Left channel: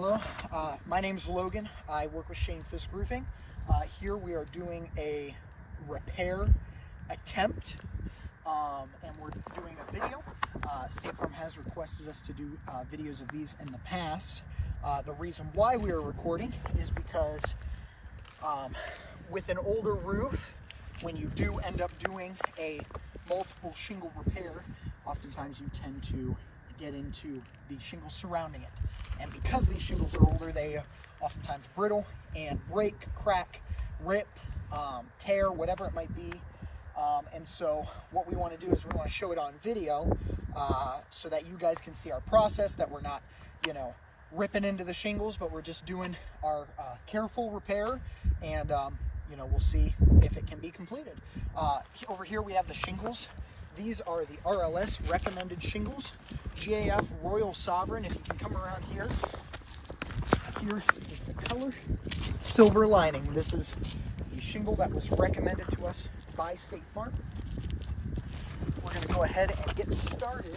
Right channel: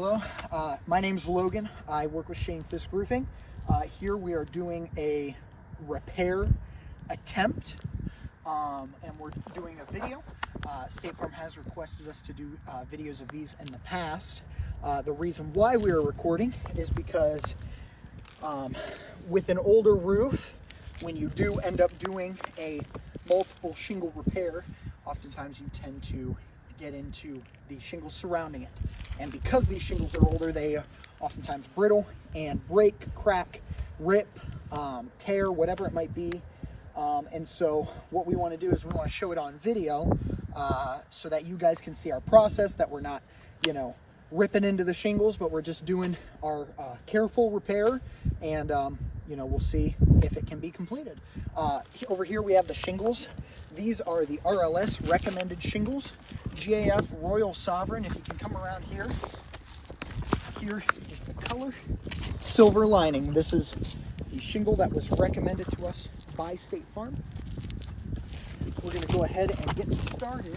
Hello, my name's Logan. I work with Shane Fisk Roofing. Here we are doing a repair attempt, and we're doing a video. State Farm has requested us to do videos of these in the past. The reason why we are recording is because with an older roof, when you do end up doing a multiple shingle repair, oftentimes you tend to get into the shingles surrounding it. And because these shingles are older, they are oftentimes brittle and break, crack, rip, tear, whatever it might be. And so what we want to do is we want to show it on video so that you guys can see our process, that we're not, ripping into the shingles, but we're just doing our careful repair, and we'll see if it can be completed. Over here we have the shingles. These are the RLS recommended shingles, GAF Royal Sovereign. If you can come around here, here is the color, silver lining. This is the shingle that was recommended to us by State Farm. We're going to go ahead and get started.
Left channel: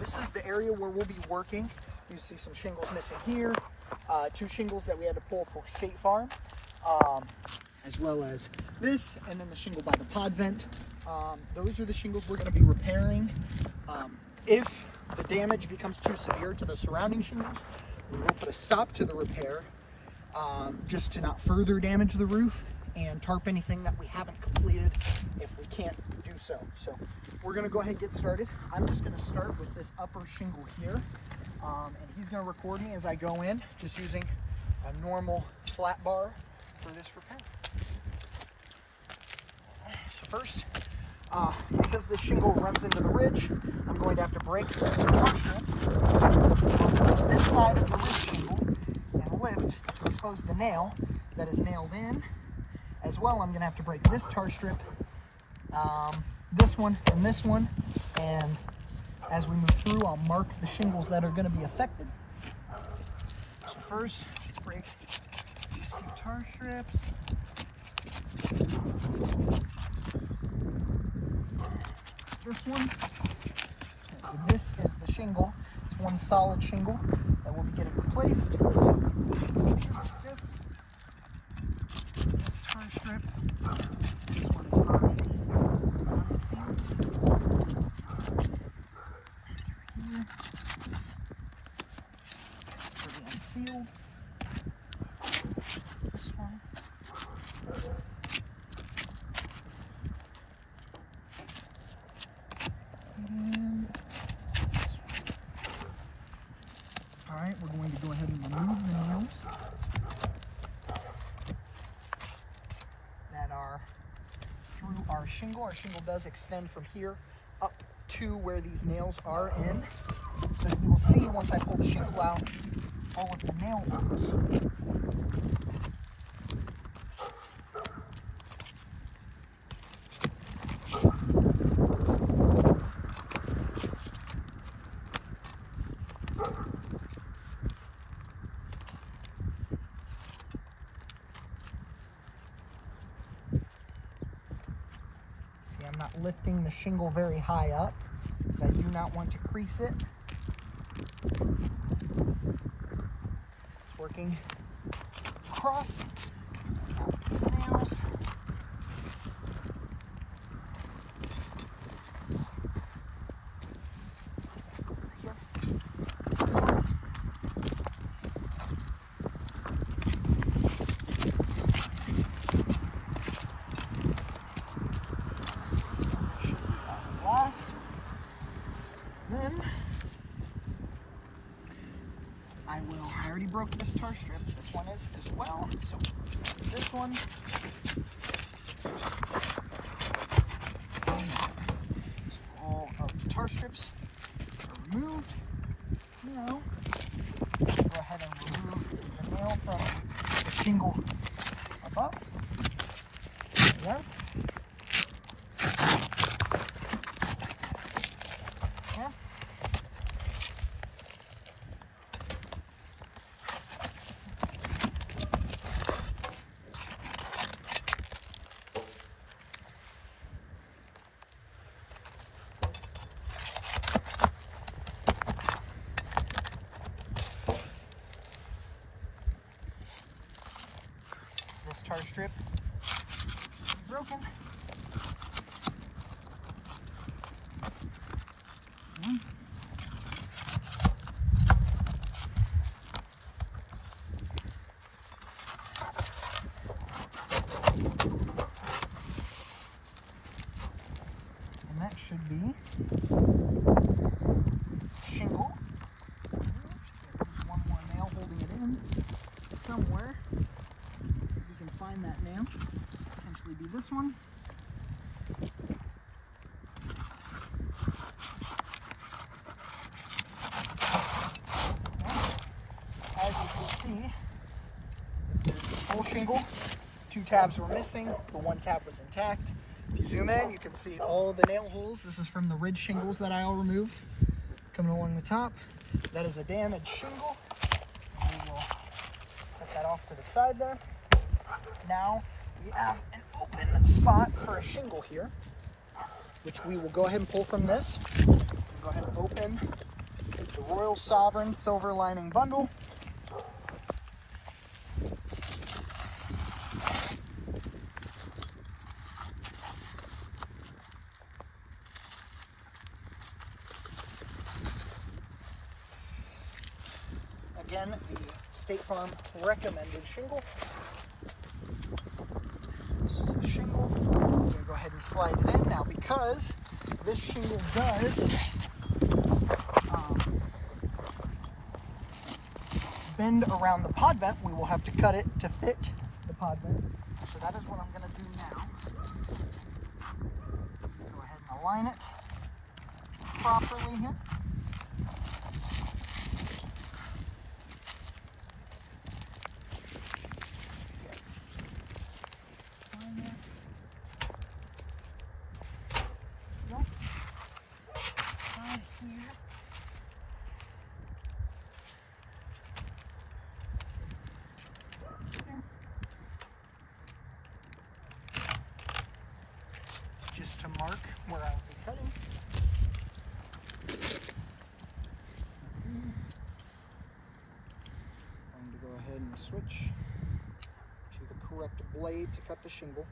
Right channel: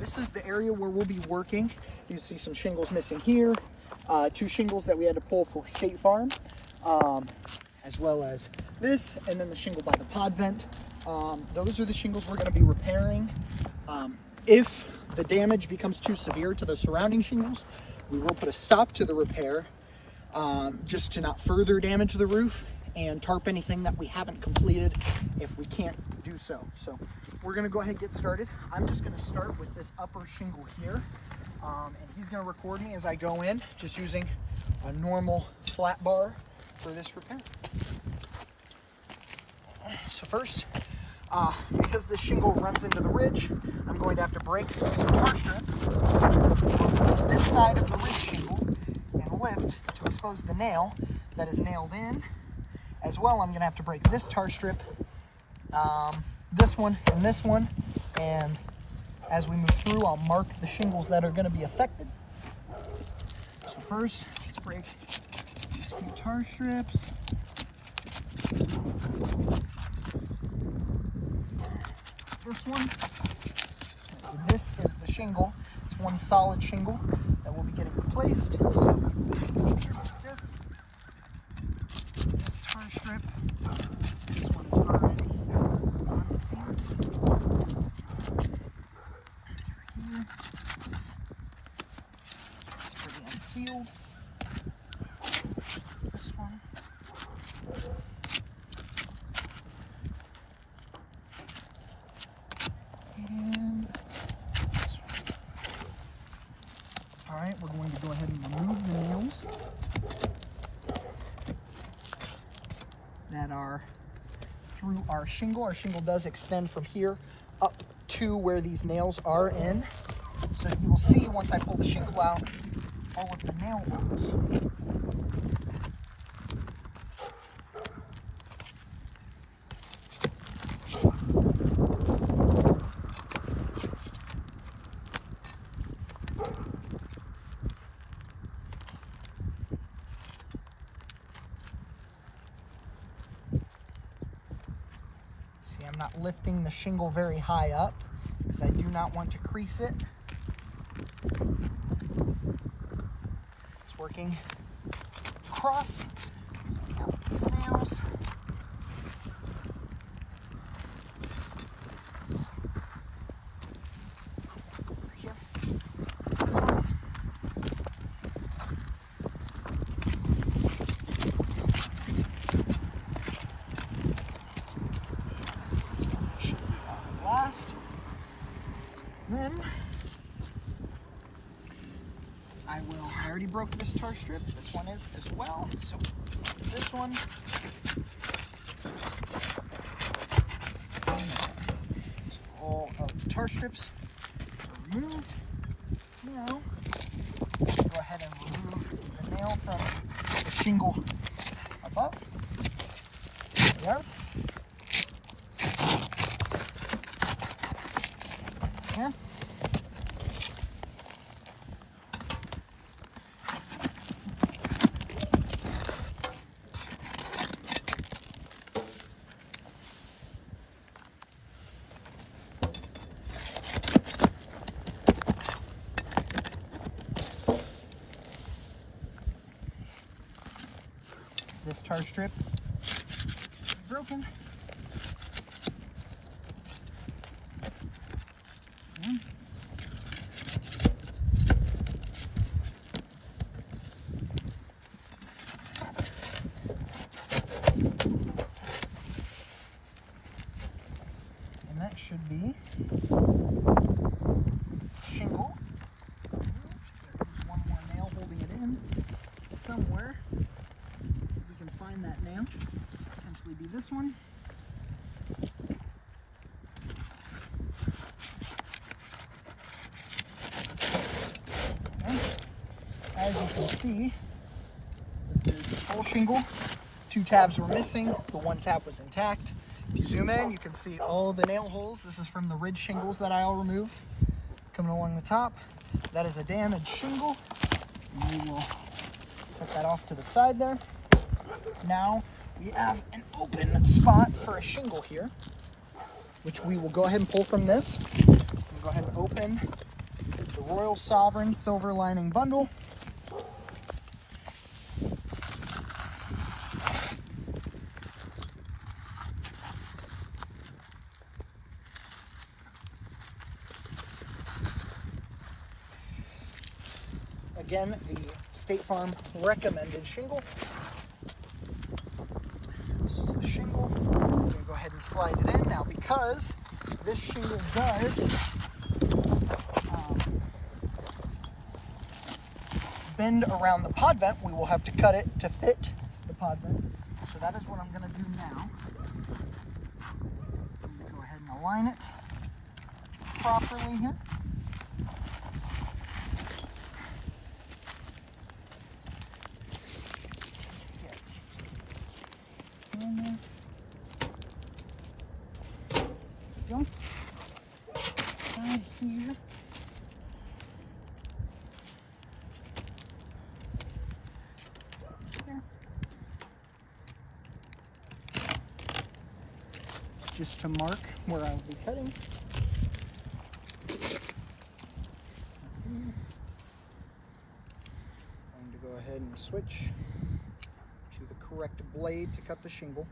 This is the area where we'll be working. You see some shingles missing here, 2 shingles that we had to pull for State Farm, as well as this, and then the shingle by the pod vent. Those are the shingles we're going to be repairing. If the damage becomes too severe to the surrounding shingles, we will put a stop to the repair, just to not further damage the roof and tarp anything that we haven't completed if we can't do so. So we're going to go ahead and get started. I'm just going to start with this upper shingle here, and he's going to record me as I go in, just using a normal flat bar for this repair. So first, because this shingle runs into the ridge, I'm going to have to break the tar strip on this side of the ridge shingle and lift to expose the nail that is nailed in. As well, I'm going to have to break this tar strip, this one, and as we move through, I'll mark the shingles that are going to be affected. So first, let's break these few tar strips. This one, so this is the shingle. It's one solid shingle that will be getting replaced. So this tar strip, this one is already unsealed. Here, this is pretty unsealed. This one. Alright, we're going to go ahead and remove the nails that are through our shingle. Our shingle does extend from here up to where these nails are in. So you will see once I pull the shingle out, all of the nail holes. I'm not lifting the shingle very high up because I do not want to crease it. It's working across these nails. Here. This one. Then I already broke this tar strip. This one is as well. So this one. All of the tar strips are removed. Now, go ahead and remove the nail from the shingle above. There. Yeah. tar strip. It's broken. And that should be shingle. There's one more nail holding it in somewhere. See if we can find that nail. Potentially be this one. As you can see, this is the full shingle. 2 tabs were missing, the 1 tab was intact. If you zoom in, you can see all of the nail holes. This is from the ridge shingles that I all removed. Coming along the top, that is a damaged shingle. And we will set that off to the side there. Now we have an open spot for a shingle here, which we will go ahead and pull from this. We'll go ahead and open the Royal Sovereign Silver Lining Bundle. Again, the State Farm recommended shingle. This is the shingle. We're going to go ahead and slide it in now because this shingle does bend around the pod vent. We will have to cut it to fit the pod vent. So that is what I'm going to do now. Go ahead and align it properly here. Go. Side here. There. Just to mark where I will be cutting. I'm going to go ahead and switch to the correct blade to cut the shingle.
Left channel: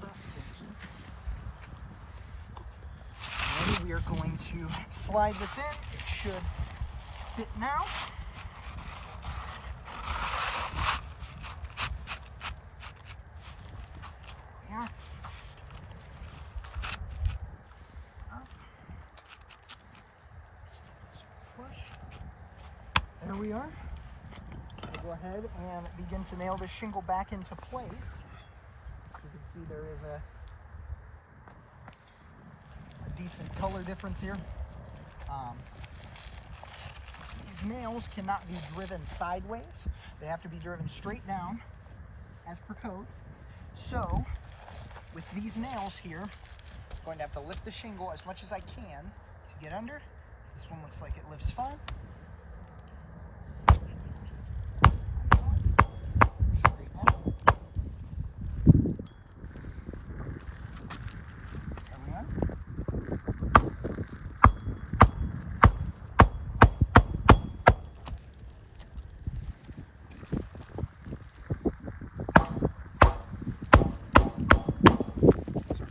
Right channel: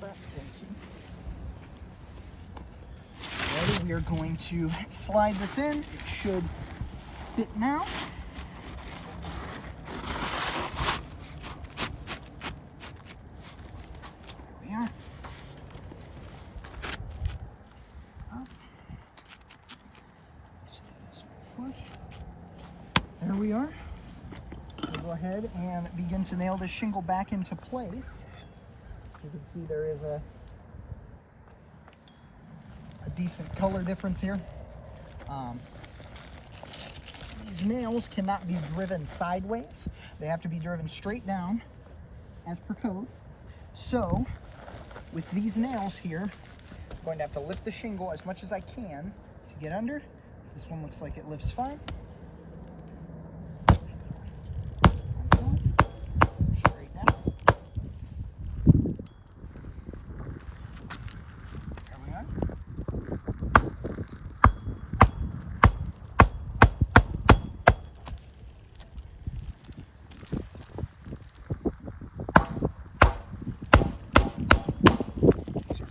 Back. Ready, we are going to slide this in. It should fit now. There we are. Up. Flush. There we are. We'll go ahead and begin to nail this shingle back into place. You can see there is a decent color difference here. These nails cannot be driven sideways. They have to be driven straight down as per code. So with these nails here, I'm going to have to lift the shingle as much as I can to get under. This one looks like it lifts fine.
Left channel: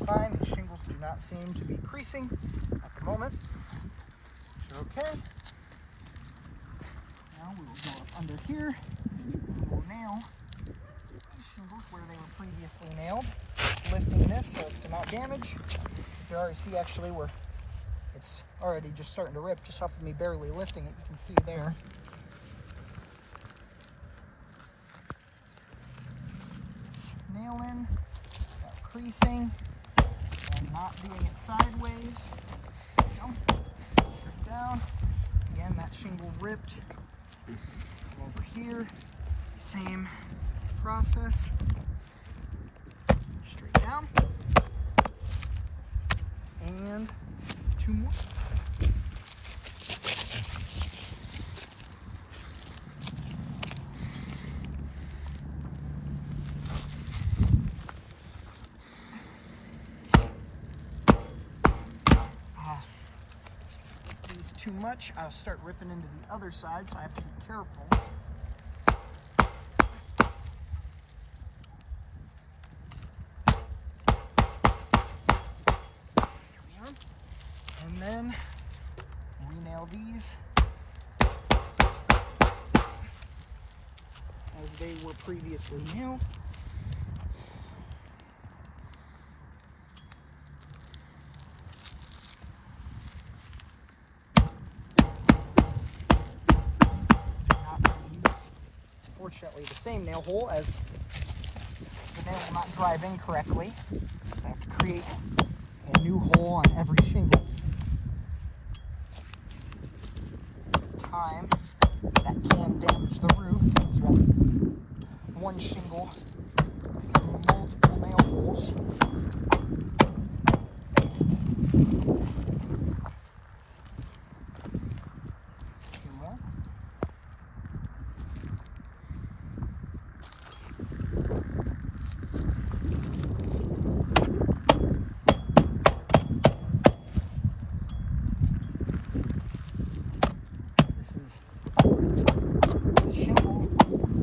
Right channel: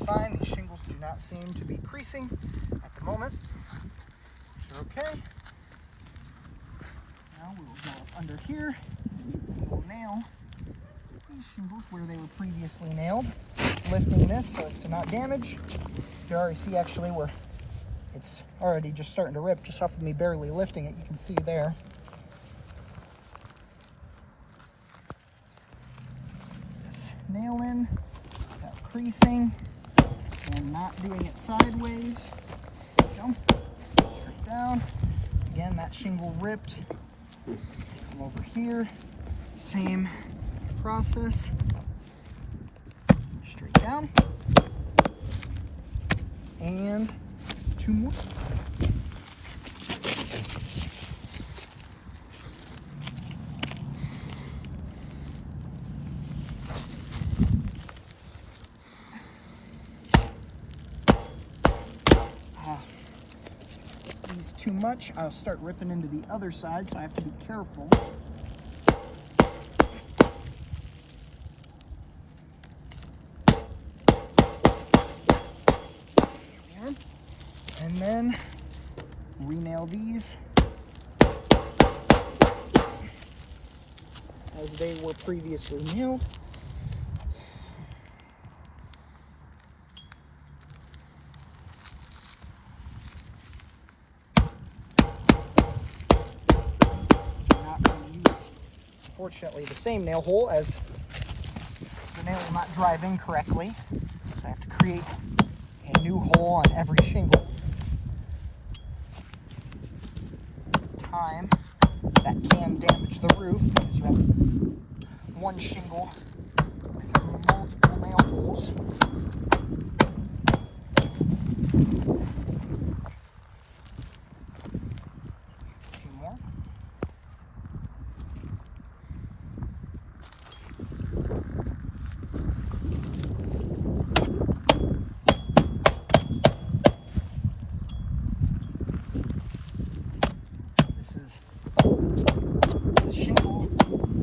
Fine. These shingles do not seem to be creasing at the moment. So okay. Now we will go up under here and we will nail these shingles where they were previously nailed, lifting this so as to not damage. You can already see actually where it's already just starting to rip just off of me barely lifting it. You can see there. This nail in without creasing. And not doing it sideways. Go. Straight down. Again, that shingle ripped. Come over here. Same process. Straight down. And 2 more. These too much, I'll start ripping into the other side, so I have to be careful. And then re-nail these as they were previously nailed. Not going to use, unfortunately, the same nail hole, as the nail will not drive in correctly. I have to create a new hole on every shingle. Time that can damage the roof because you have one shingle with multiple nail holes. A few more.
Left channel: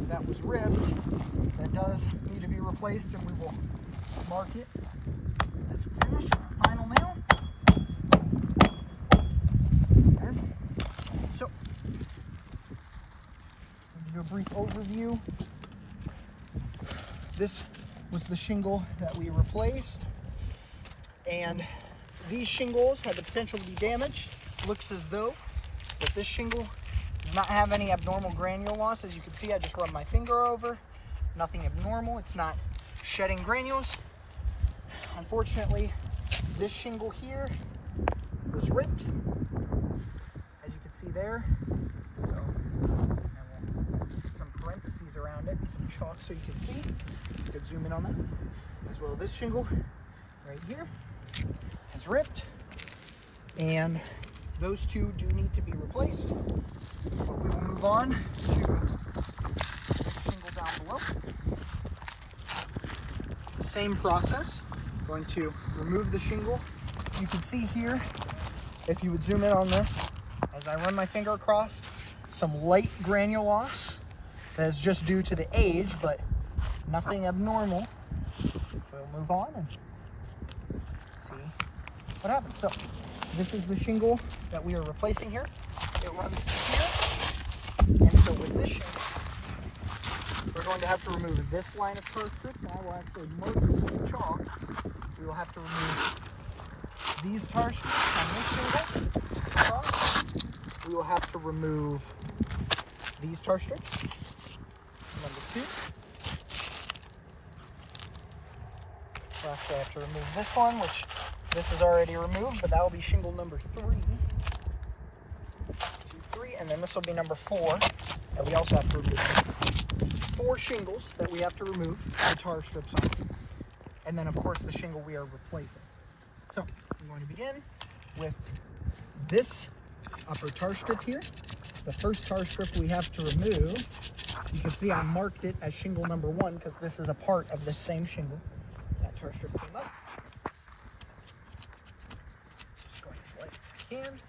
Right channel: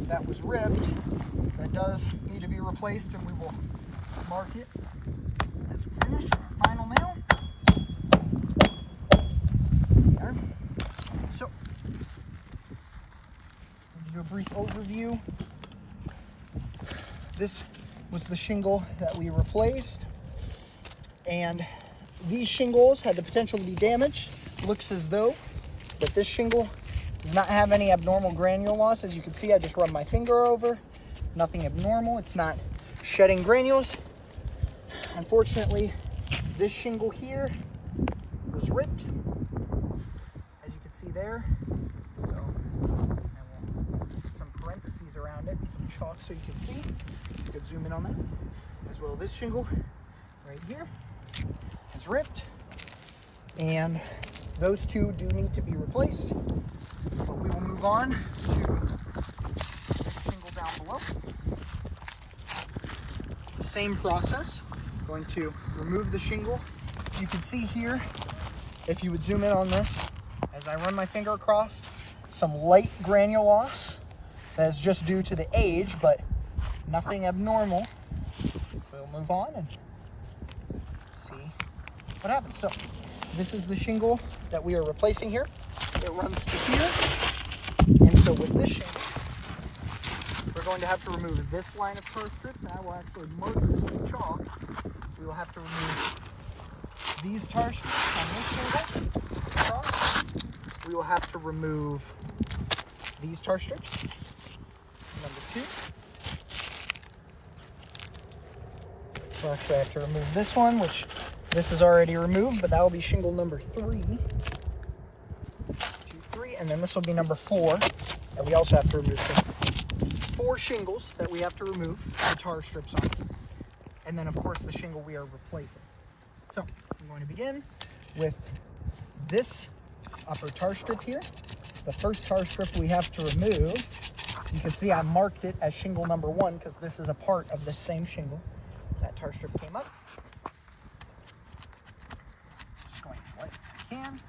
That was ripped, that does need to be replaced, and we will mark it as finished. Final nail. There. So, to do a brief overview, this was the shingle that we replaced, and these shingles had the potential to be damaged. Looks as though that this shingle does not have any abnormal granule loss. As you can see, I just rubbed my finger over. Nothing abnormal. It's not shedding granules. Unfortunately, this shingle here was ripped, as you can see there. So I will put some parentheses around it, some chalk so you can see. You could zoom in on that. As well, this shingle right here is ripped, and those two do need to be replaced. So we will move on to the shingle down below. Same process. Going to remove the shingle. You can see here, if you would zoom in on this, as I run my finger across, some light granule loss that is just due to the age, but nothing abnormal. We'll move on and see what happens. So this is the shingle that we are replacing here. It runs to here, and so with this shingle, we're going to have to remove this line of tar strips, and I will actually mark this with chalk. We will have to remove these tar strips on this shingle across. We will have to remove these tar strips, number 2. We'll actually have to remove this one, which this is already removed, but that will be shingle number 3. And then this will be number 4, and we also have to remove 4 shingles that we have to remove the tar strips on. And then, of course, the shingle we are replacing. So, I'm going to begin with this upper tar strip here. It's the first tar strip we have to remove. You can see I marked it as shingle number 1 because this is a part of the same shingle. That tar strip came up. Just going as light as I can.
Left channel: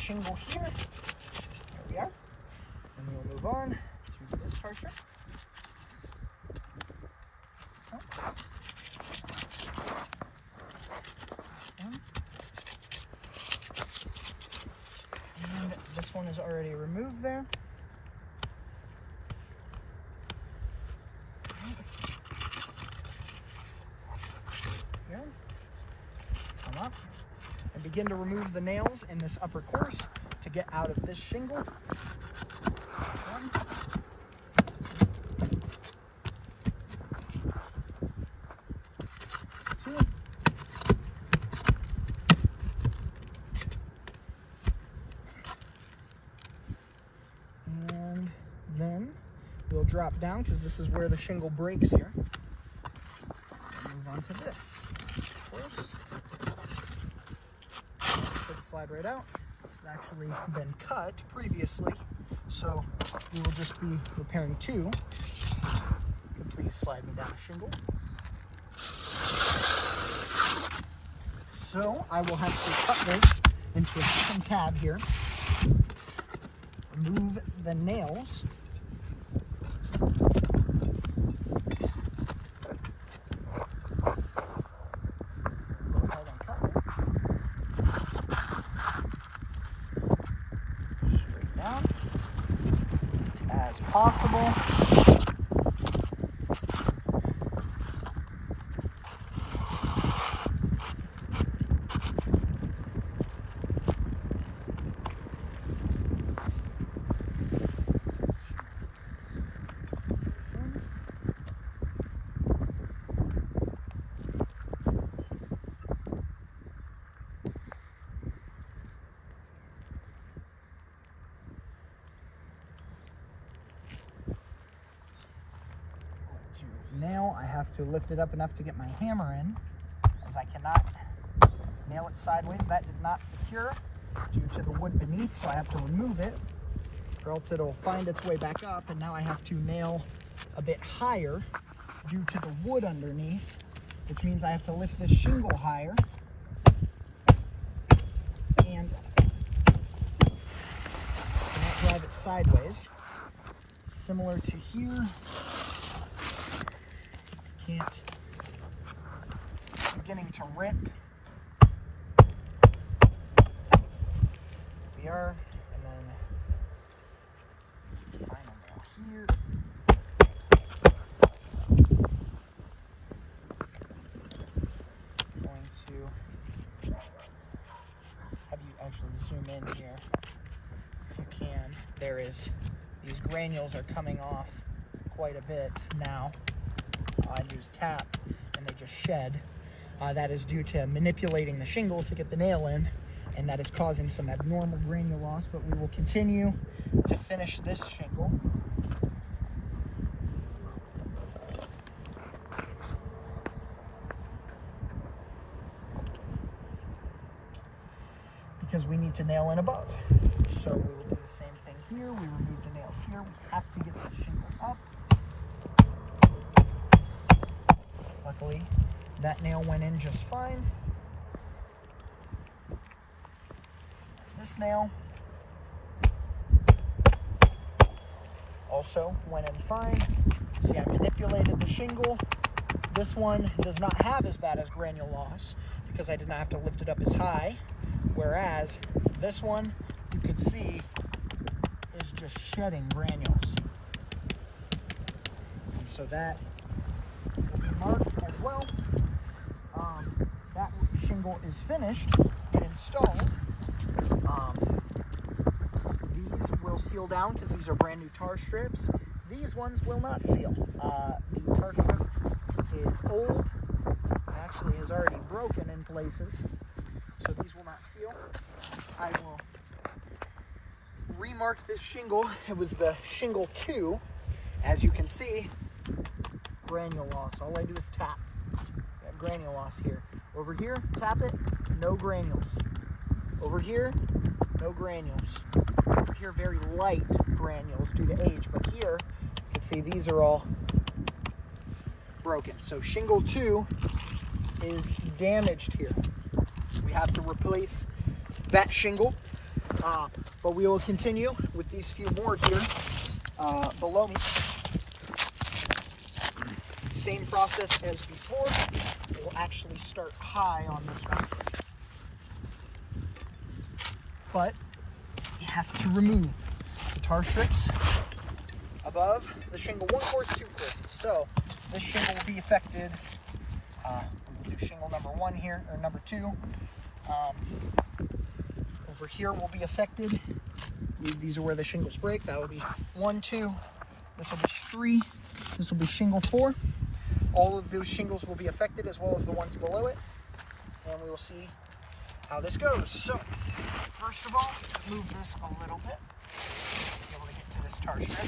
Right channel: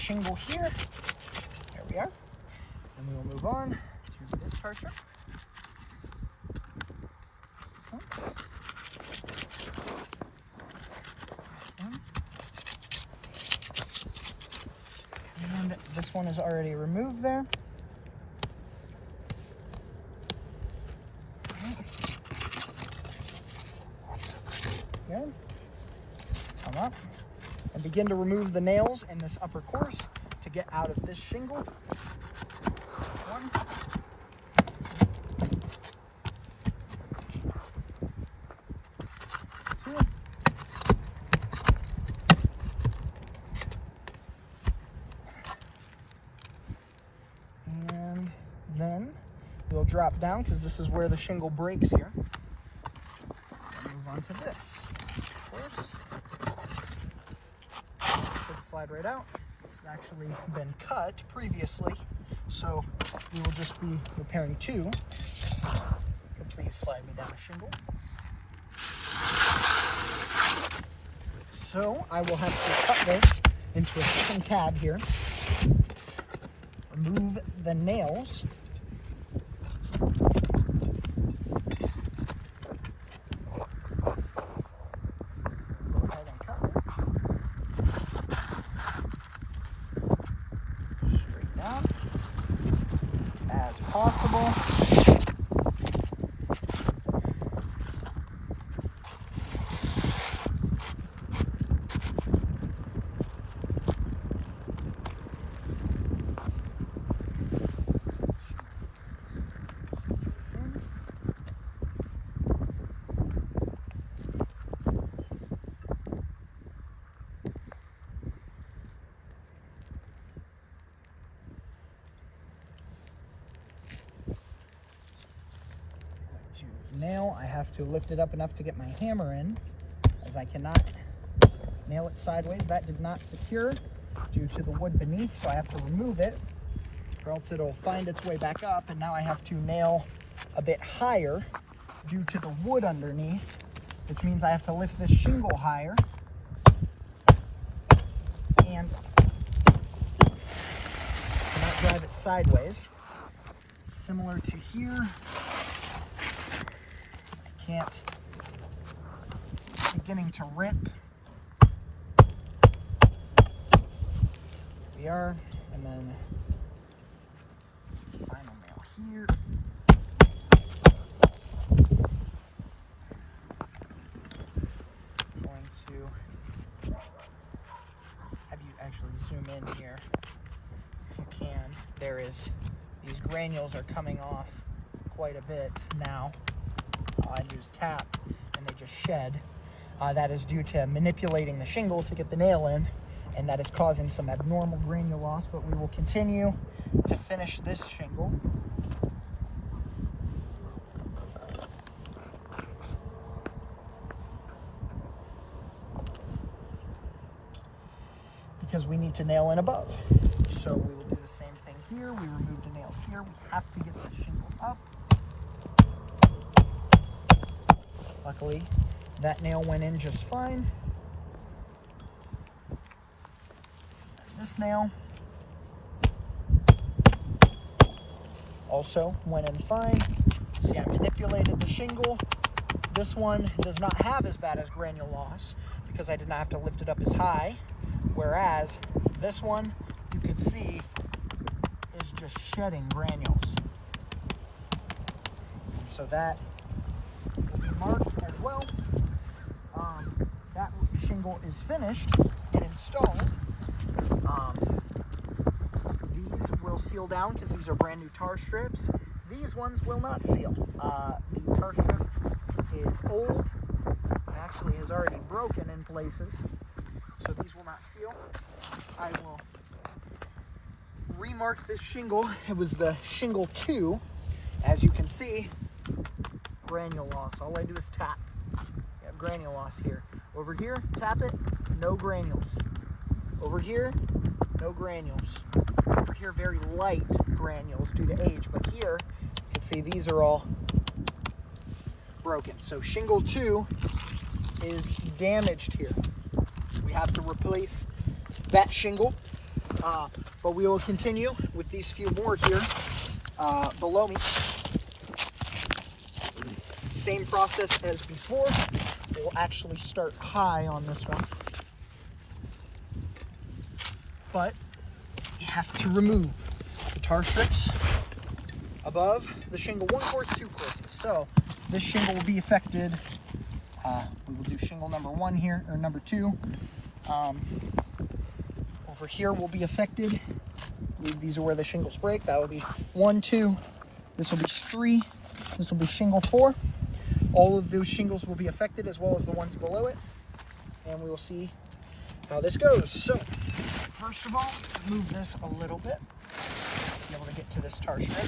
Shingle here. There we are. And we'll move on to this tar strip. So. And this one is already removed there. Okay. Come up. And begin to remove the nails in this upper course to get out of this shingle. 1. 2. drop down because this is where the shingle breaks here. Move on to this. Of course. Should slide right out. It's actually been cut previously, so we will just be repairing two. Please slide me down a shingle. So I will have to cut this into a second tab here. Remove the nails. Go ahead and cut this. Straight down as possible. Nail, I have to lift it up enough to get my hammer in, as I cannot nail it sideways. That did not secure due to the wood beneath, so I have to remove it, or else it'll find its way back up, and now I have to nail a bit higher due to the wood underneath, which means I have to lift this shingle higher and not drive it sideways. Similar to here. Can't. It's beginning to rip. We are, and then final nail here. Going to have you actually zoom in here if you can. There is, these granules are coming off quite a bit now. All I do is tap and they just shed. That is due to manipulating the shingle to get the nail in, and that is causing some abnormal granule loss, but we will continue to finish this shingle. Because we need to nail in above. So we will do the same thing here. We remove the nail here. We have to get the shingle up. Luckily, that nail went in just fine. This nail also went in fine. See, I manipulated the shingle. This one does not have as bad as granule loss because I did not have to lift it up as high. Whereas this one, you could see, is just shedding granules. And so that will be marked as well. That shingle is finished and installed. These will seal down because these are brand new tar strips. These ones will not seal. The tar strip is old and actually has already broken in places, so these will not seal. I will remark this shingle. It was the shingle 2. As you can see, granule loss. All I do is tap. We have granule loss here. Over here, tap it, no granules. Over here, no granules. Over here, very light granules due to age, but here, you can see these are all broken. So shingle 2 is damaged here. We have to replace that shingle, but we will continue with these few more here below me. Same process as before. We'll actually start high on this one, but you have to remove the tar strips above the shingle 1 course, 2 courses. So this shingle will be affected. We will do shingle number 1 here, or number 2. Over here will be affected. These are where the shingles break. That will be 1, 2. This will be 3. This will be shingle 4. All of those shingles will be affected, as well as the ones below it, and we will see how this goes. So, first of all, remove this a little bit. be able to get to this tar strip.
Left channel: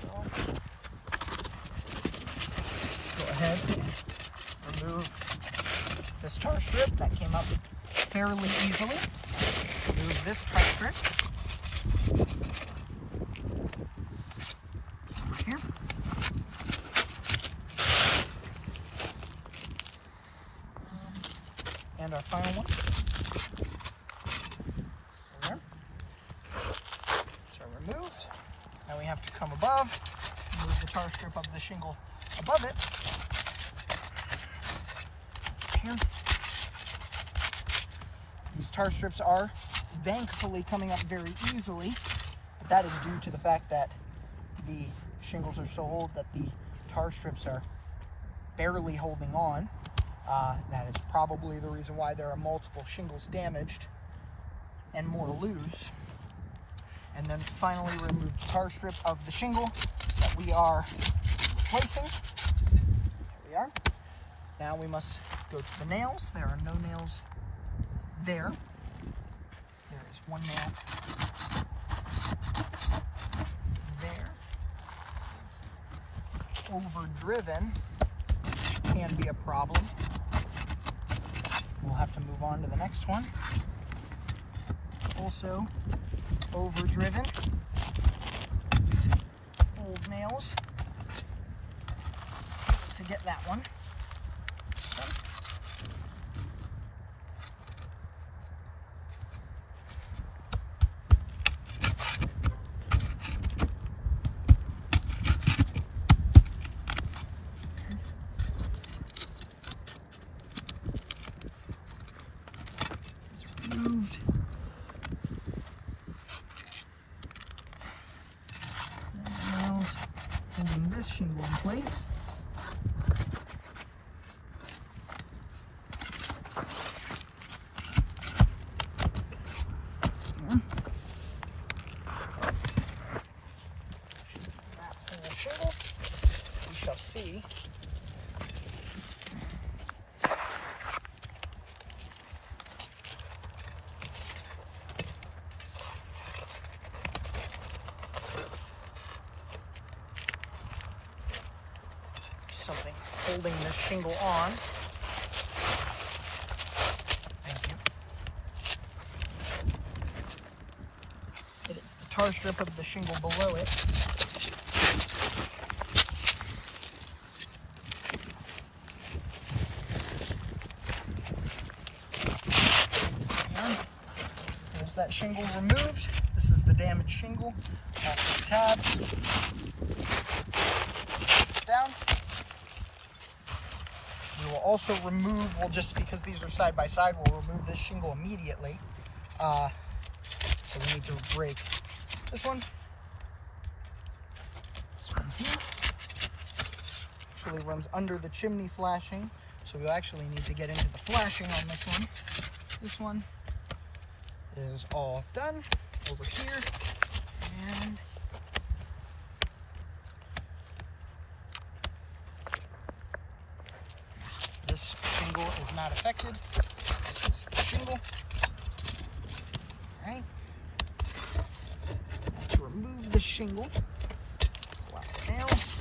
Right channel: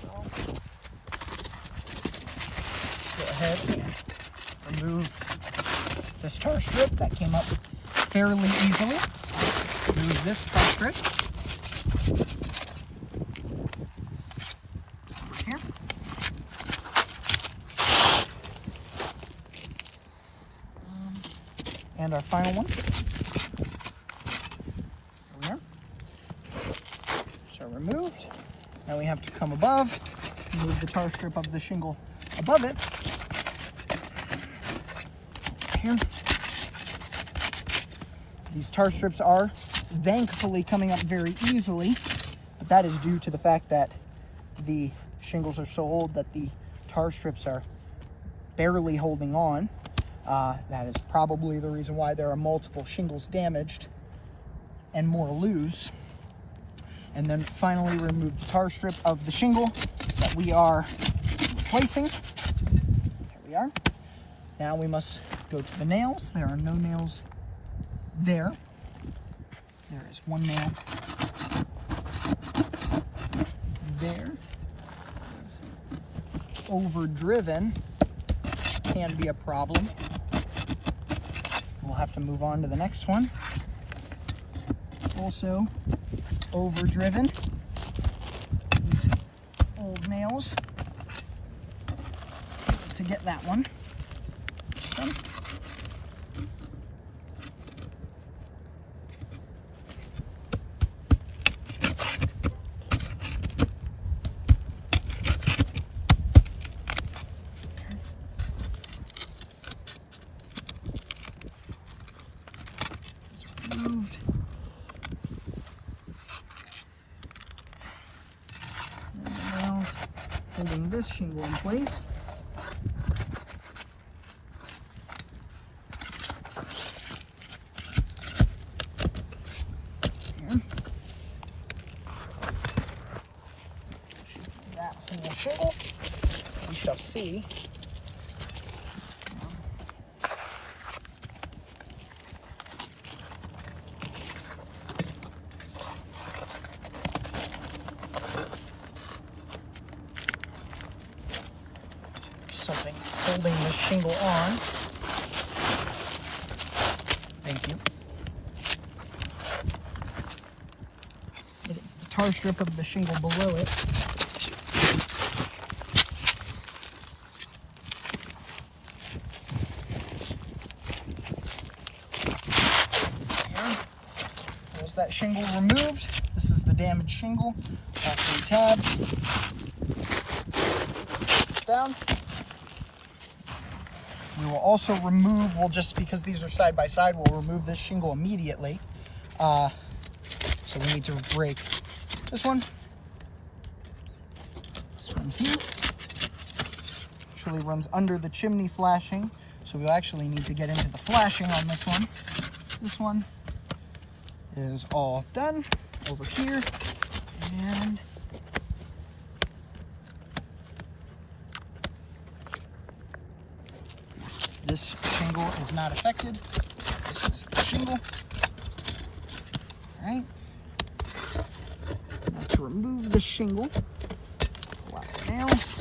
So, go ahead and remove this tar strip. That came up fairly easily. Remove this tar strip. Over here. And our final one. There. So removed. Now we have to come above, remove the tar strip of the shingle above it. Here. These tar strips are thankfully coming up very easily, but that is due to the fact that the shingles are so old that the tar strips are barely holding on. That is probably the reason why there are multiple shingles damaged and more loose. And then finally remove the tar strip of the shingle that we are replacing. There we are. Now we must go to the nails. There are no nails there. There is one nail there. It's overdriven. Can be a problem. We'll have to move on to the next one. Also overdriven. These old nails to get that one. Removed. Nails holding this shingle in place. That whole shingle, we shall see. Something holding this shingle on. Thank you. It is the tar strip of the shingle below it. There's that shingle removed. This is the damaged shingle. All three tabs. Down. We will also remove, just because these are side by side, we'll remove this shingle immediately. So we need to break this one. This one here. Actually runs under the chimney flashing, so we'll actually need to get into the flashing on this one. This one is all done over here, and this shingle is not affected. This is the shingle. All right. Now to remove the shingle, pull out the nails.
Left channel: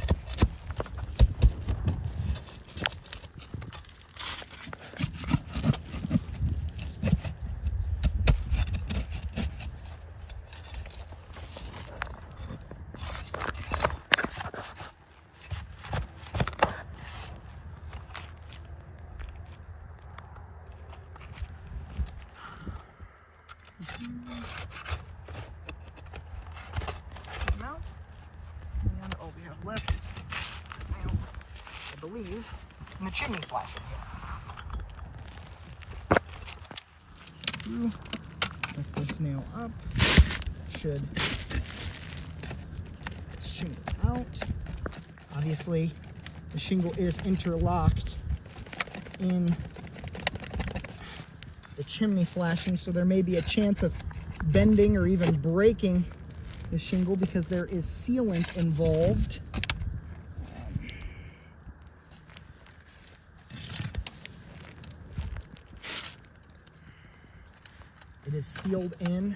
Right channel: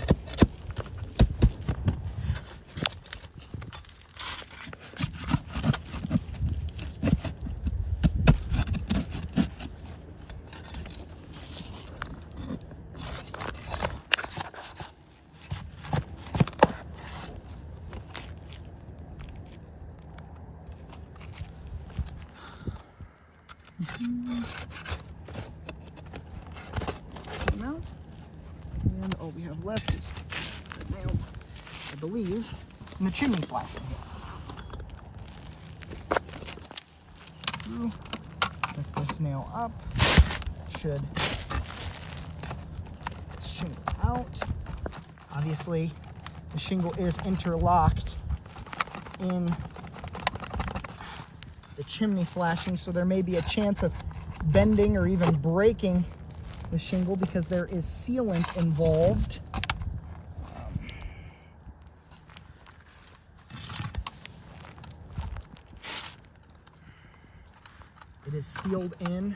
Out. And all we have left is the nail, I believe, in the chimney flashing. Lift this nail up. Should shingle out. Obviously, the shingle is interlocked in the chimney flashing, so there may be a chance of bending or even breaking the shingle because there is sealant involved. It is sealed in,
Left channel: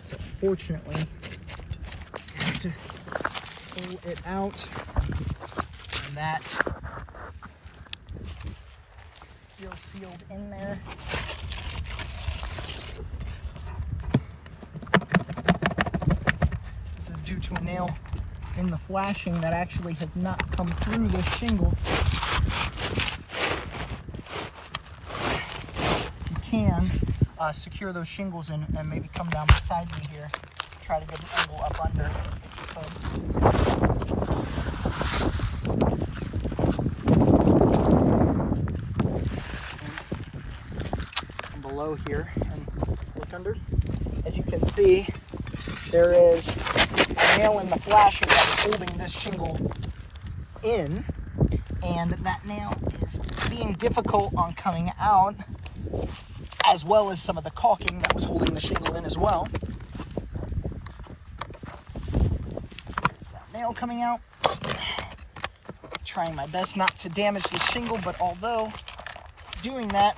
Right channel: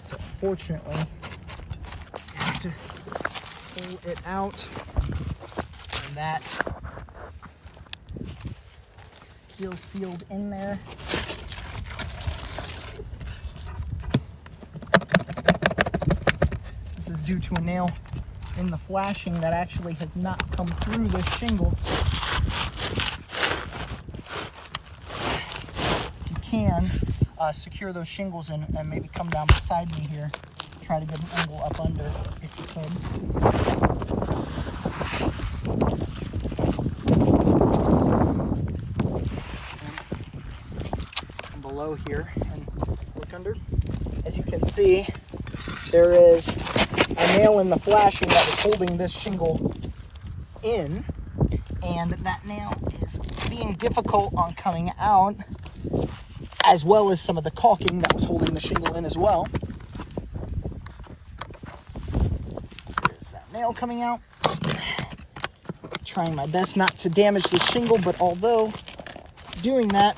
so fortunately, you have to pull it out, and that's still sealed in there. This is due to a nail in the flashing that actually has not come through this shingle. You can secure those shingles in and maybe come down beside me here. Try to get an angle up under if you could. Come below here and look under. As you can see, there is a nail in the flashing that is holding this shingle in, and that nail is being difficult on coming out, as well as some of the caulking that was holding the shingle in as well. There's that nail coming out. Trying my best not to damage the shingle, but although doing that,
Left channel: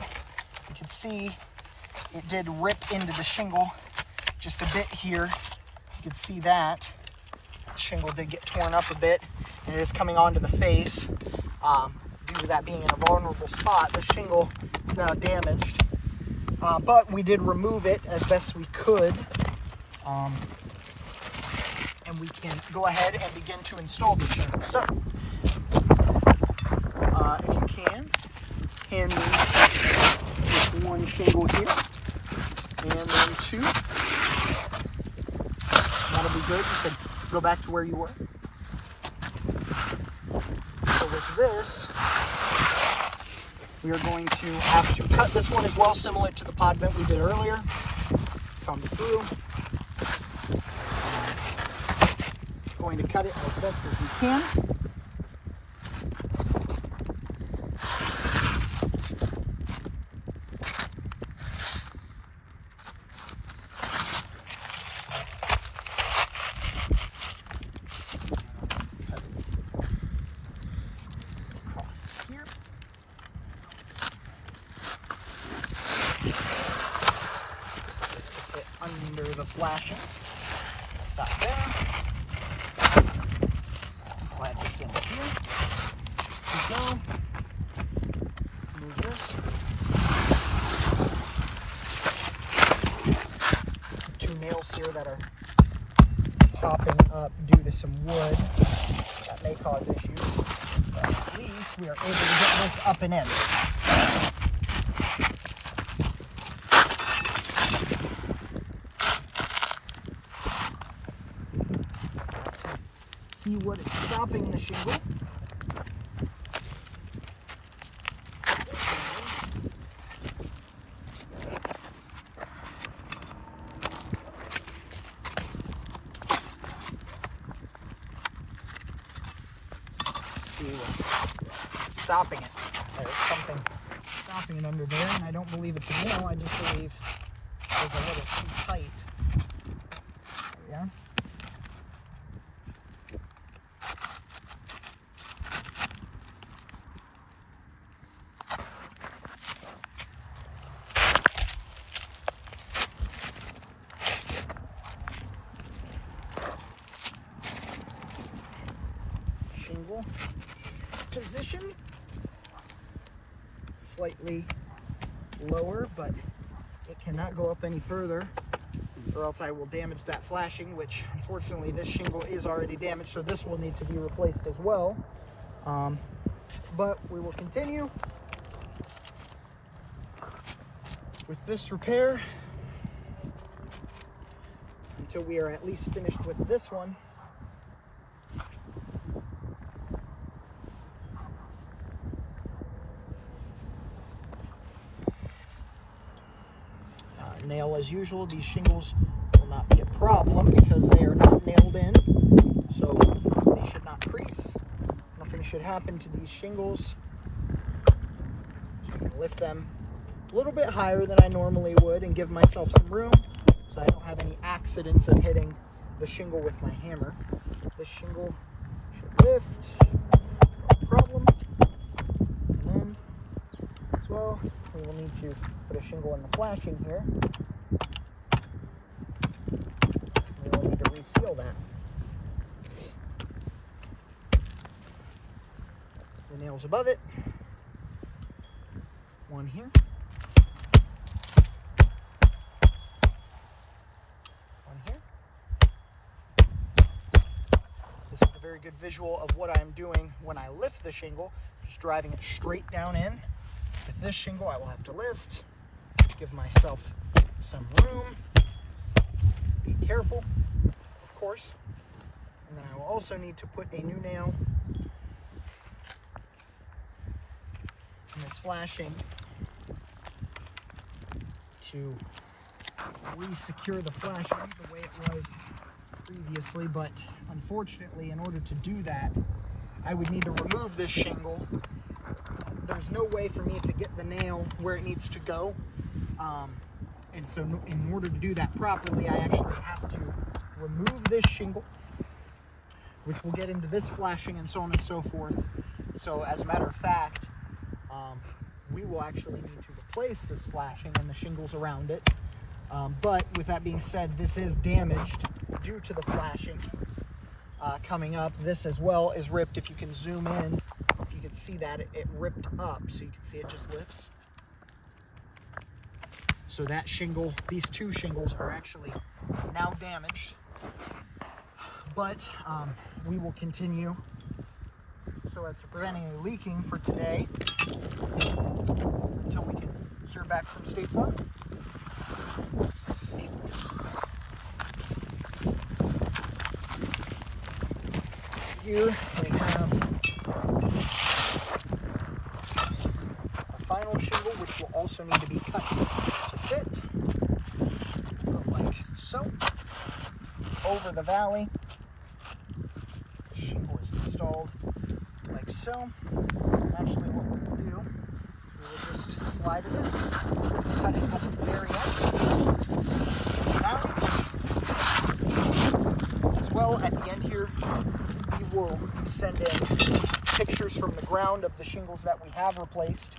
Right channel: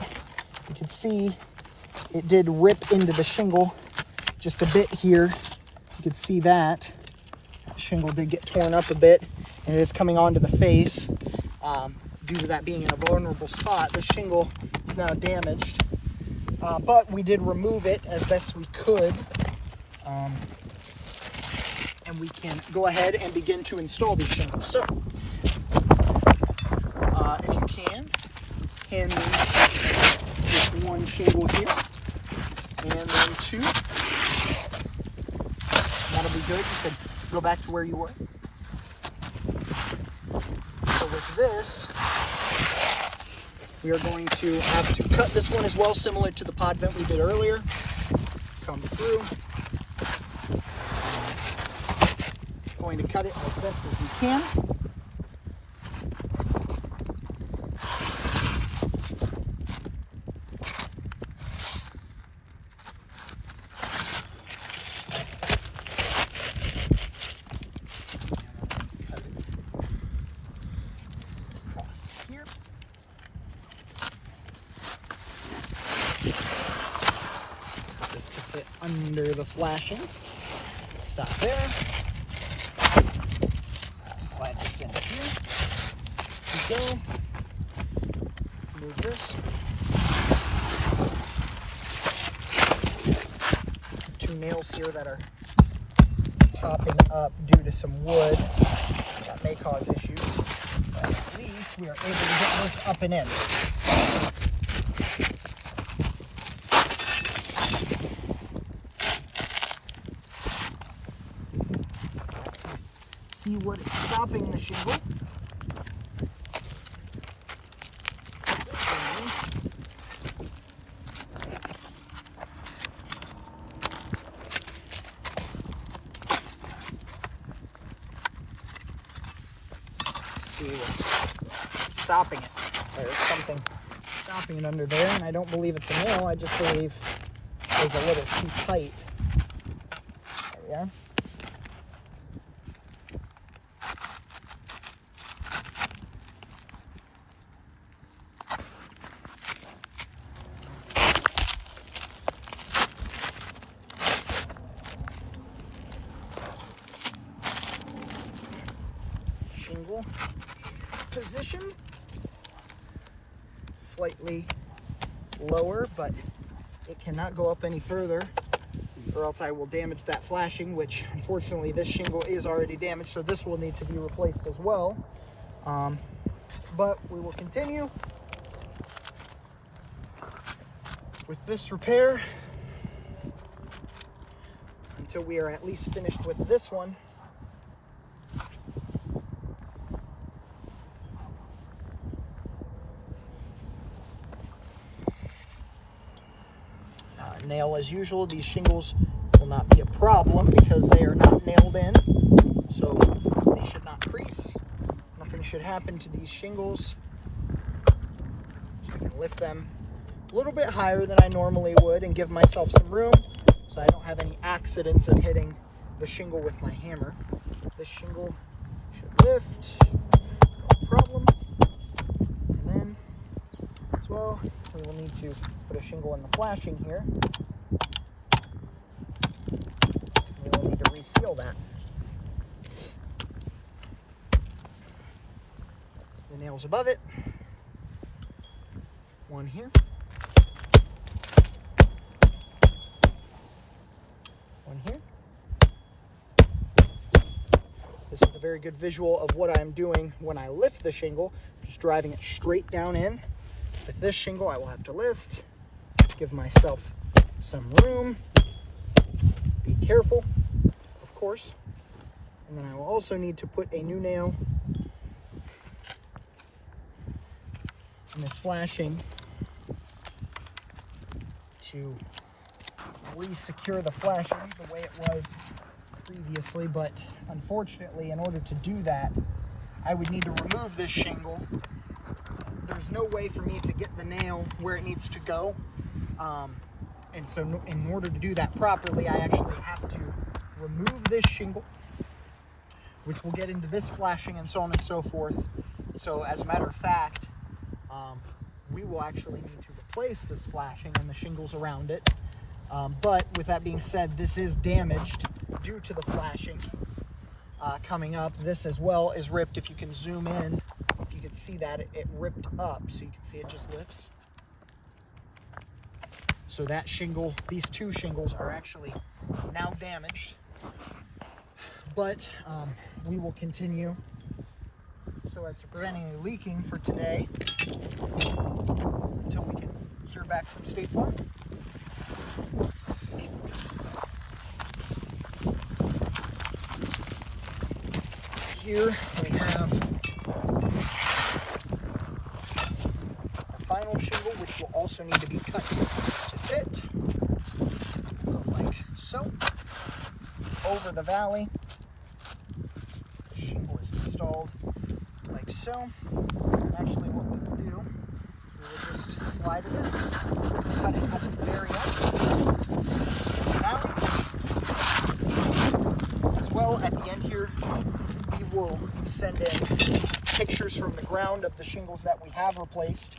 you can see it did rip into the shingle just a bit here. You can see that. That shingle did get torn up a bit, and it is coming onto the face. Due to that being in a vulnerable spot, the shingle is now damaged. But we did remove it as best we could. And we can go ahead and begin to install these shingles. So, if you can, hand me just one shingle here, and then two. That'll be good. You could go back to where you were. So with this, we are going to have to cut this one as well, similar to the pod vent we did earlier. Come through. Going to cut it as best as we can. Just to fit under the flashing. Stop there. Slide this in here. Here we go. Move this. Two nails here that are popping up due to some wood. That may cause issues. At least we are able to get this up and in. See what is stopping the shingle. See what's stopping it. There's something stopping it under there, and I don't believe it's a nail. I just believe it's a little too tight. There we are. Shingle position slightly lower, but it cannot go up any further, or else I will damage that flashing, which unfortunately this shingle is already damaged, so this will need to be replaced as well. But we will continue with this repair until we are at least finished with this one. Nail as usual. These shingles will not be a problem because they are not nailed in, so they should not crease. Nothing should happen to these shingles. So I can lift them a little bit higher than I normally would and give myself some room so I don't have any accidents of hitting the shingle with my hammer. This shingle should lift, no problem. And then as well, we will need to put a shingle in the flashing here. handle that. The nails above it. One here. One here. This is a very good visual of what I'm doing when I lift the shingle. Just driving it straight down in. With this shingle, I will have to lift, give myself some room, be careful, of course. And then I will also need to put a new nail in this flashing to re-secure the flashing the way it was previously, but unfortunately, in order to do that, I would need to remove this shingle. There's no way for me to get the nail where it needs to go, and so in order to do that properly, I actually have to remove this shingle, which will get into this flashing and so on and so forth. So as a matter of fact, we will actually need to replace this flashing and the shingles around it. But with that being said, this is damaged due to the flashing coming up. This as well is ripped. If you can zoom in, you can see that it ripped up. So you can see it just lifts. So that shingle, these two shingles are actually now damaged. But we will continue so as to prevent any leaking for today until we can hear back from State Farm. Here we have our final shingle, which will also need to be cut to fit. Go like so. Over the valley. Shingle is installed like so. Actually, what we will do, we will just slide it, cut it at the very end of the valley. As well, at the end here, we will send in pictures from the ground of the shingles that we have replaced.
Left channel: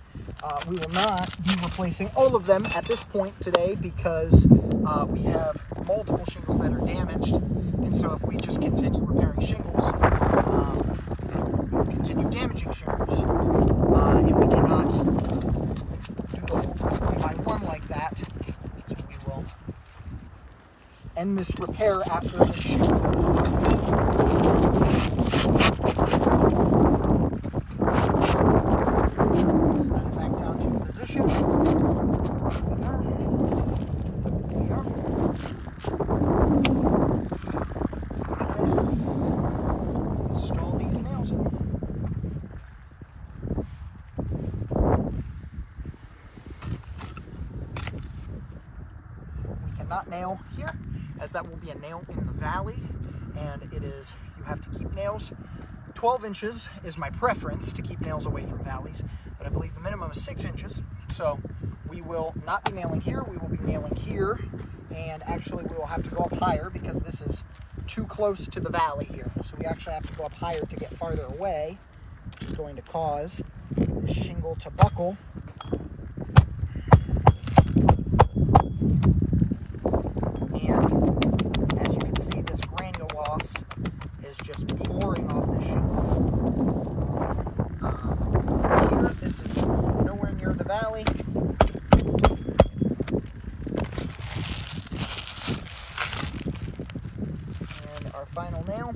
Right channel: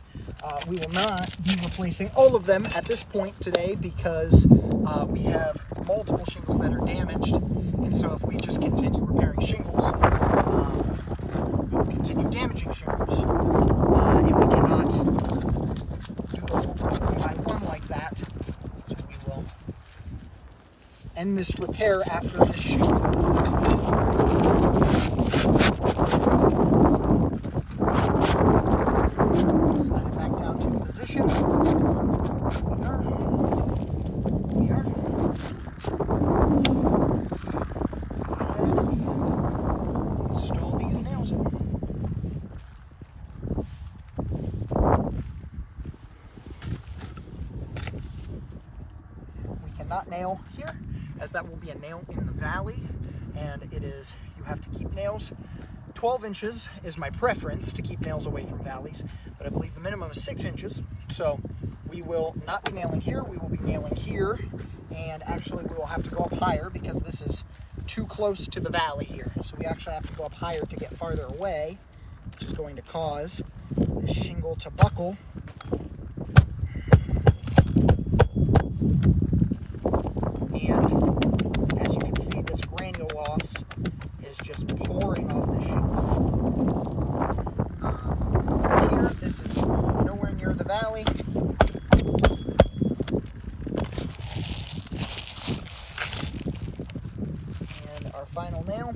We will not be replacing all of them at this point today because we have multiple shingles that are damaged, and so if we just continue repairing shingles, we'll continue damaging shingles, and we cannot do one by one like that, so we will end this repair after this shingle. Slide it back down to position. There we are. Install these nails. We cannot nail here, as that will be a nail in the valley, and it is, you have to keep nails. 12 inches is my preference to keep nails away from valleys, but I believe the minimum is 6 inches. So we will not be nailing here, we will be nailing here, and actually we will have to go up higher because this is too close to the valley here. So we actually have to go up higher to get farther away, which is going to cause the shingle to buckle. And as you can see, this granule loss is just pouring off the shingle. Here, this is nowhere near the valley. And our final nail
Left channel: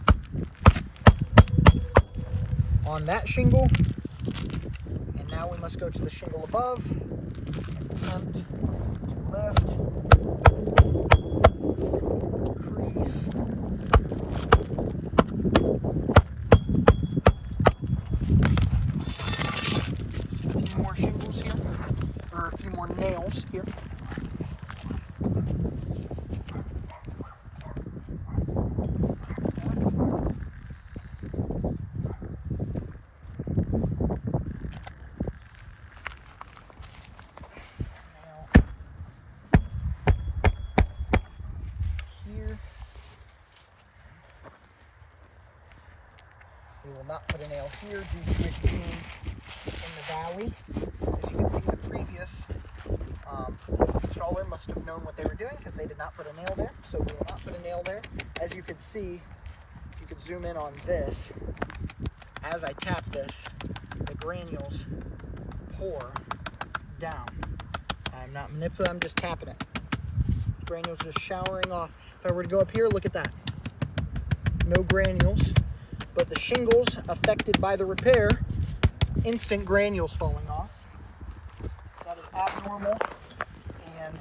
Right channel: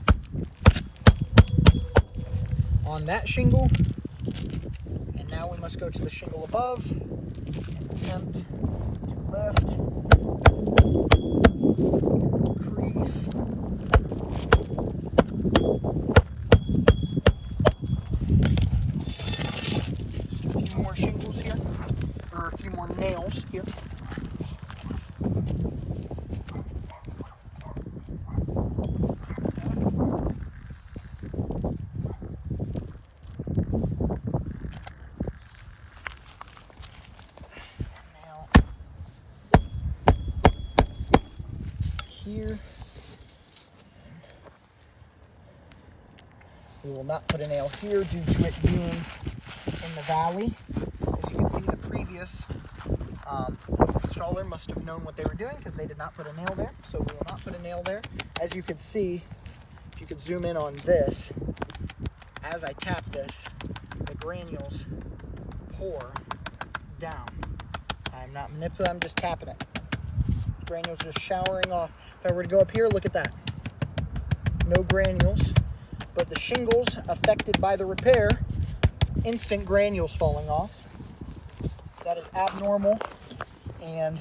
on that shingle. And now we must go to the shingle above and attempt to lift, crease, just a few more shingles here, or a few more nails here. Here. We will not put a nail here due to it being in the valley. As you can see, the previous installer must have known what they were doing because they did not put a nail there. So we will not put a nail there as you can see, if you could zoom in on this, as I tap this, the granules pour down. I'm not manipulating, I'm just tapping it. Granules just showering off. If I were to go up here, look at that. No granules, but the shingles affected by the repair, instant granules falling off. That is abnormal and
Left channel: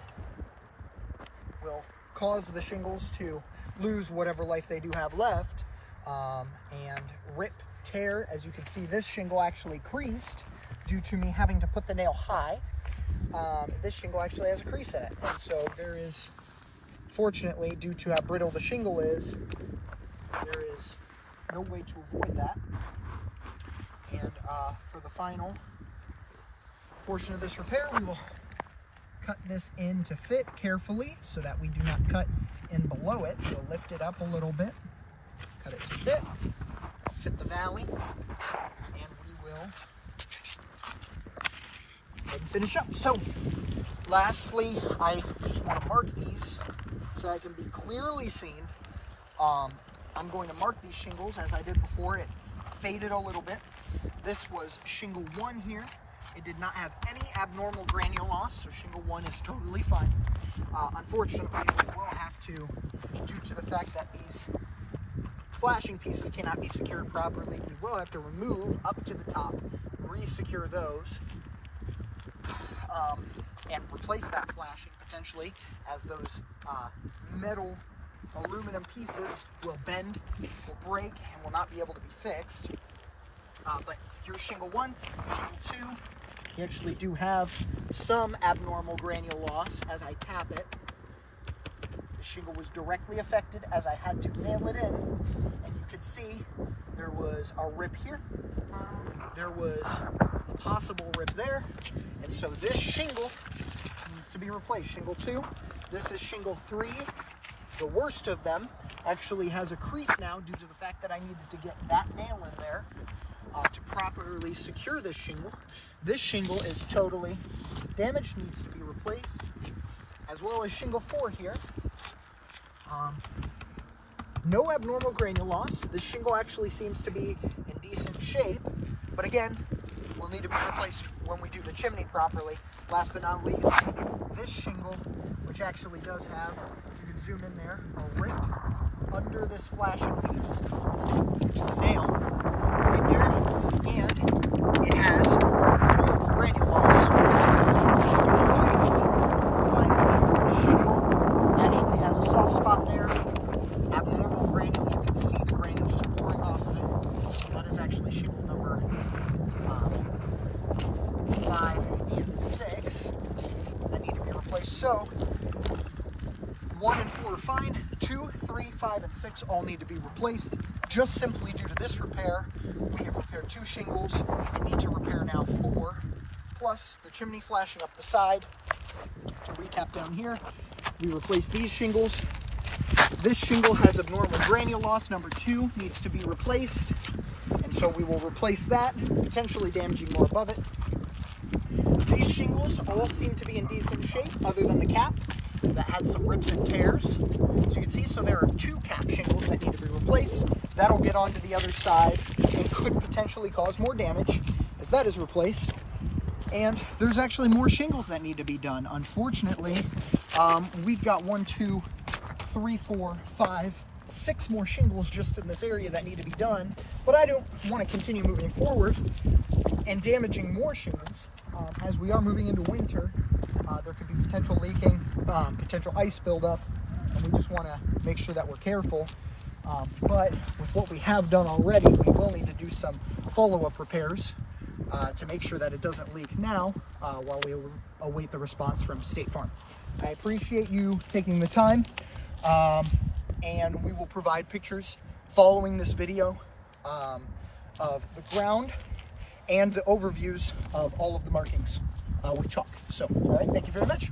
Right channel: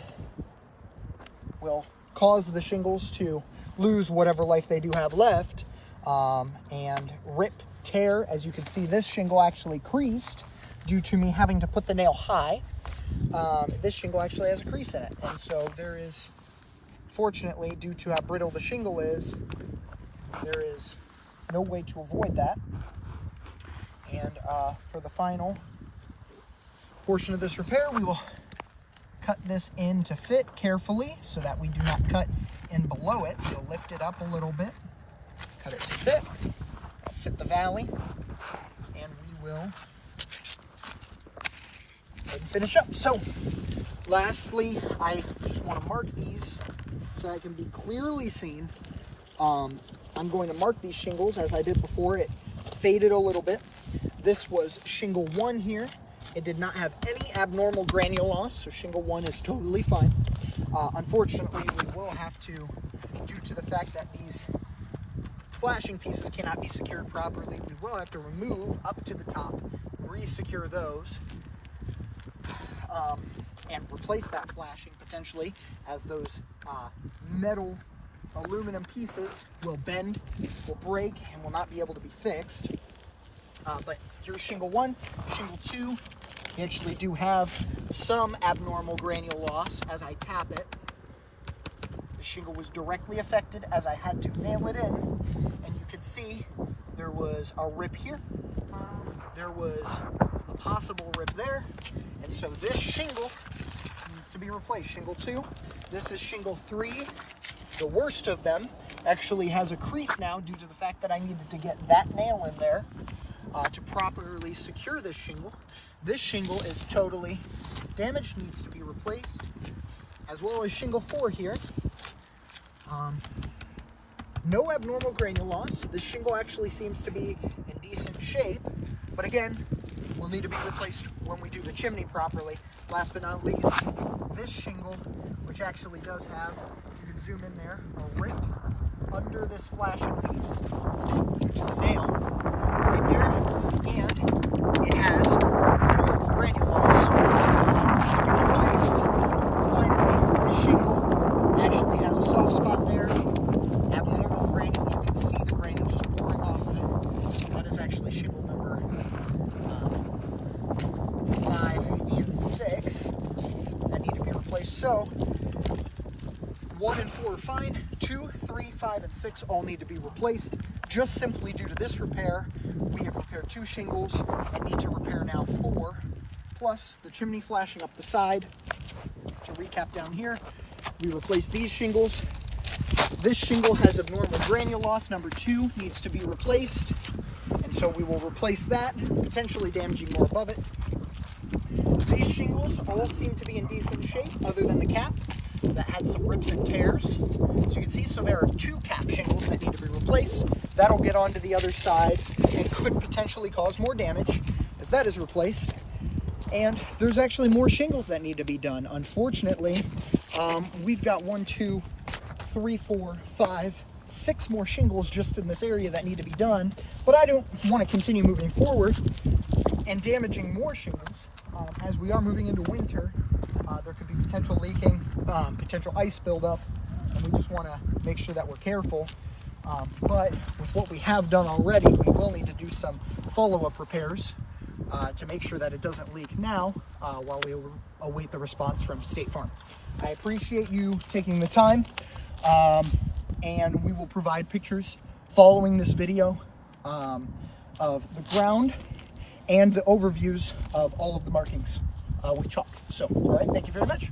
will cause the shingles to lose whatever life they do have left, and rip, tear. As you can see, this shingle actually creased due to me having to put the nail high. This shingle actually has a crease in it, and so there is, fortunately, due to how brittle the shingle is, there is no way to avoid that. And for the final portion of this repair, we will cut this in to fit carefully so that we do not cut in below it. You'll lift it up a little bit, cut it to fit the valley, and we will finish up. So lastly, I just want to mark these so that it can be clearly seen. I'm going to mark these shingles as I did before. It faded a little bit. This was shingle 1 here. It did not have any abnormal granule loss, so shingle 1 is totally fine. Unfortunately, we will have to, due to the fact that these flashing pieces cannot be secured properly, we will have to remove up to the top, re-secure those, and replace that flashing potentially, as those metal aluminum pieces will bend, will break, and will not be able to be fixed. But here's shingle 1, shingle 2. We actually do have some abnormal granule loss as I tap it. The shingle was directly affected as I had to nail it in, and you can see there was a rip here. There was a possible rip there, and so this shingle needs to be replaced. Shingle 2. This is shingle 3. The worst of them actually has a crease now due to the fact that I needed to get that nail in there to properly secure this shingle. This shingle is totally damaged, needs to be replaced, as well as shingle 4 here. No abnormal granule loss. This shingle actually seems to be in decent shape, but again, will need to be replaced when we do the chimney properly. Last but not least, this shingle, which actually does have, you can zoom in there, a rip under this flashing piece due to the nail right there, and it has horrible granule loss. This is replaced. Finally, this shingle actually has a soft spot there. Abnormal granule, you can see the granules just pouring off of it. That is actually shingle number 5 and 6 that need to be replaced. So 1 and 4 are fine. 2, 3, 5, and 6 all need to be replaced. Just simply due to this repair, we have repaired 2 shingles and need to repair now 4, plus the chimney flashing up the side. To recap down here, we replaced these shingles. This shingle has abnormal granule loss. Number 2 needs to be replaced, and so we will replace that, potentially damaging more above it. These shingles all seem to be in decent shape, other than the cap that had some rips and tears. As you can see, so there are 2 cap shingles that need to be replaced. That'll get onto the other side and could potentially cause more damage as that is replaced. And there's actually more shingles that need to be done. Unfortunately, we've got 1, 2, 3, 4, 5, 6 more shingles just in this area that need to be done. But I don't want to continue moving forward and damaging more shingles. As we are moving into winter, there could be potential leaking, potential ice buildup, and we just want to make sure that we're careful. But with what we have done already, we will need to do some follow-up repairs to make sure that it doesn't leak now while we await the response from State Farm. I appreciate you taking the time, and we will provide pictures following this video of the ground and the overviews of all of the markings with chalk. So, all right, thank you very much.